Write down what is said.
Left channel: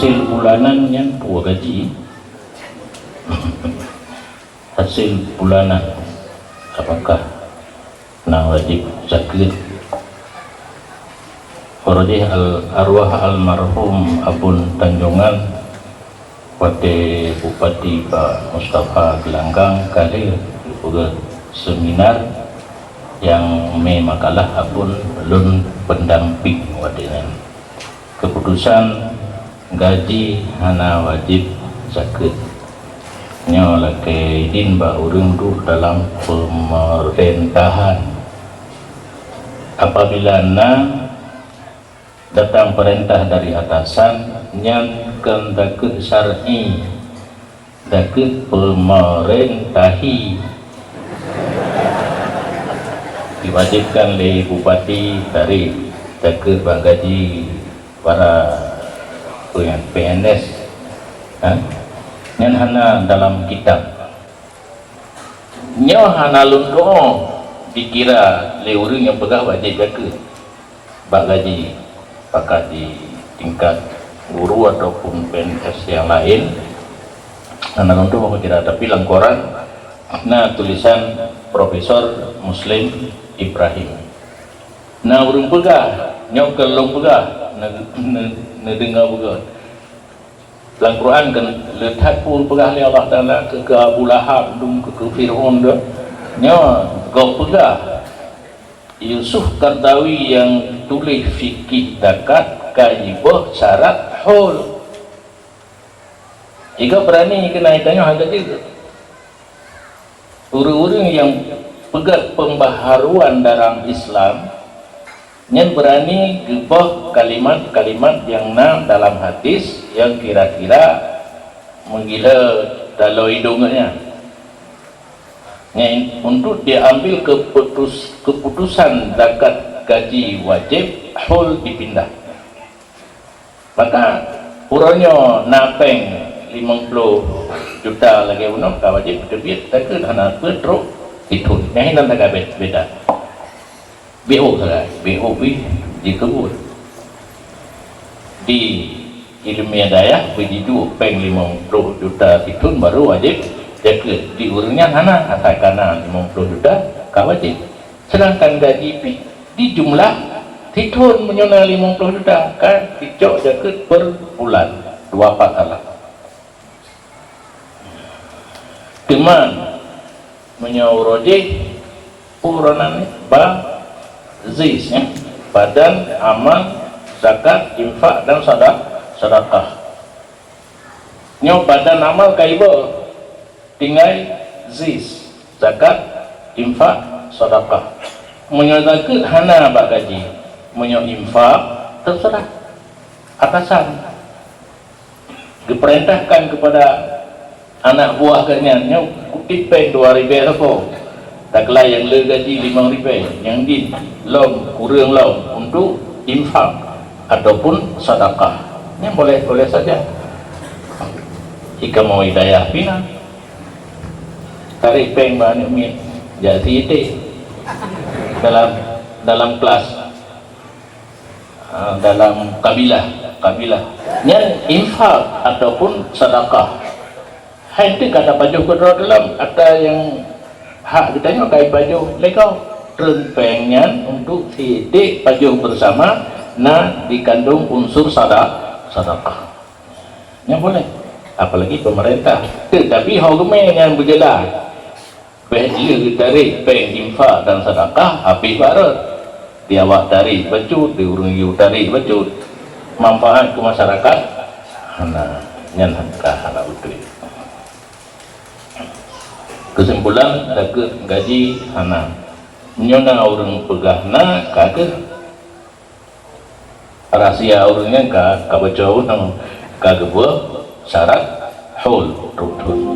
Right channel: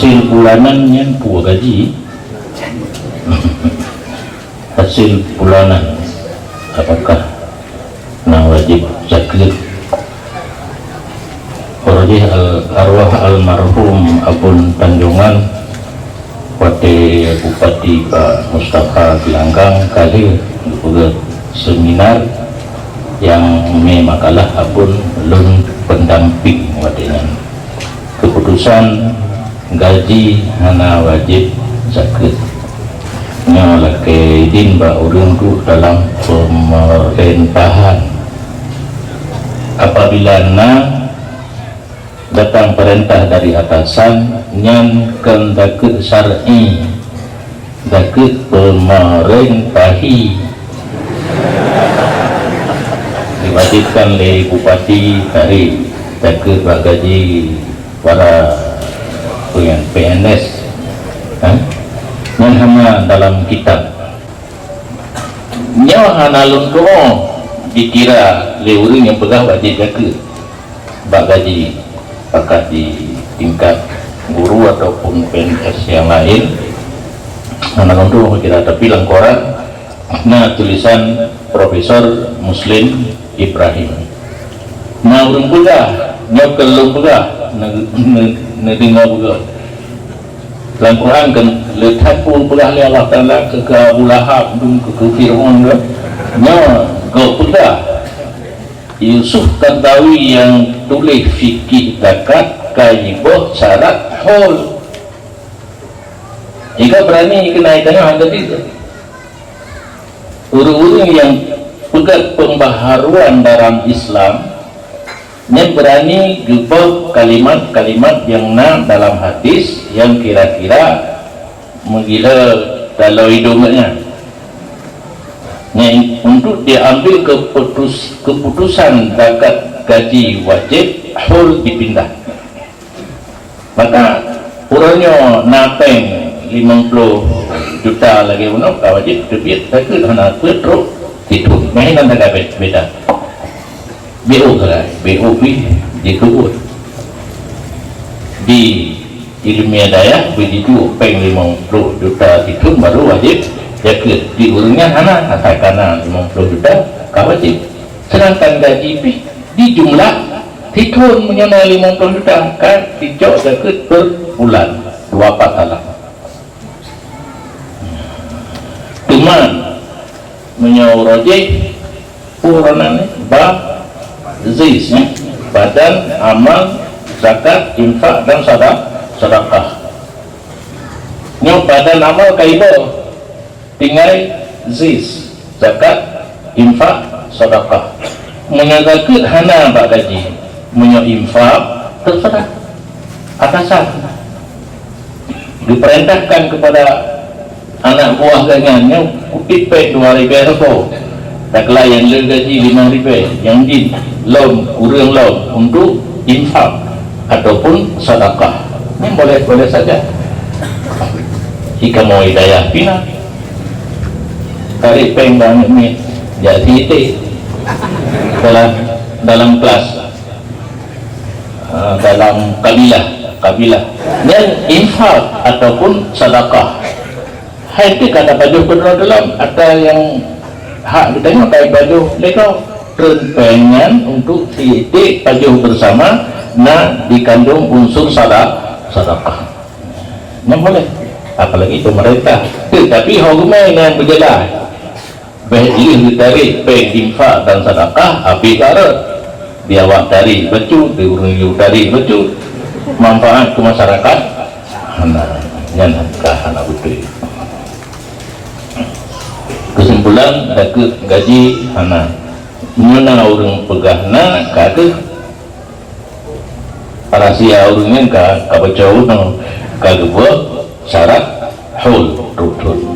hasil bulanannya pua gaji. Hasil bulanan apakah nah wajib zakat? Rajih arwah almarhum Abun Tanjungan Wate Bupati Pak Mustafa Gelanggang kali juga seminar yang makalah Abun belum pendamping watenan keputusan gaji hana wajib zakat nya laki din ba urang tu dalam pemerintahan apabila datang perintah dari atasan nyan kan dakut syar'i dakut pemerintahi diwajibkan oleh bupati dari dakut gaji para PNS nyan hana dalam kitab nya hana lunto dikira le urang yang pegah wajib dakut bak gaji pakat di tingkat guru ataupun PNS yang lain anak untuk kira tapi langkoran nah tulisan Profesor Muslim Ibrahim nah urung pegah nyok kelung pegah nedinga pegah dalam Quran kan letak pun pegah li Allah Ta'ala ke Abu Lahab ke Fir'aun nya kau pegah Yusuf Qaradawi yang tulis fikih zakat kaibah syarat hol jika berani kenaikannya harga itu urung-urung yang pegat pembaharuan dalam Islam yang berani jubah kalimat-kalimat yang dalam hadis yang kira-kira menggila dalam hidungnya untuk diambil keputusan zakat gaji wajib hul dipindah maka urangnya napeng 50 juta lagi uno wajib debit zakat hana petruk itu main dan agak beda BO salah BO dikebut di ilmiah daya begitu peng 50 juta itu baru wajib zakat di urangnya hana katakan 50 juta wajib sedangkan gaji di jumlah titun menyonai 50 juta kan dicok zakat per bulan 24 salah teman menyawrojih puranan zis badan amal zakat infak dan sedekah nyo badan amal kaibah tinggal zis zakat infak sedekah menyazakat hana bak gaji menyo infak terserah atasan diperintahkan kepada anak buah ganyannya kutipek 2,000 rokok tak layan le gaji 5,000 yang di lom kurang lom untuk infak ataupun sedekah ini boleh saja jika mau hidayah pina tarik peng banyak ni jadi titik dalam kelas dalam kabilah yang infak ataupun sedekah hai itu kata baju kedua dalam ada yang hak ditanya kayak baju legal pengen untuk titik baju bersama dikandung unsur sedekah yang boleh apalagi pemerintah tapi hukumnya yang berjelas baik dari peng infak dan sedekah api barat biawak dari becut diurung dari becut manfaat ke masyarakat yang anak putri kesimpulan zakat gaji hana nyona urang pegahna kake rahasia urangnya ka baca urang kage buat syarat hul rukun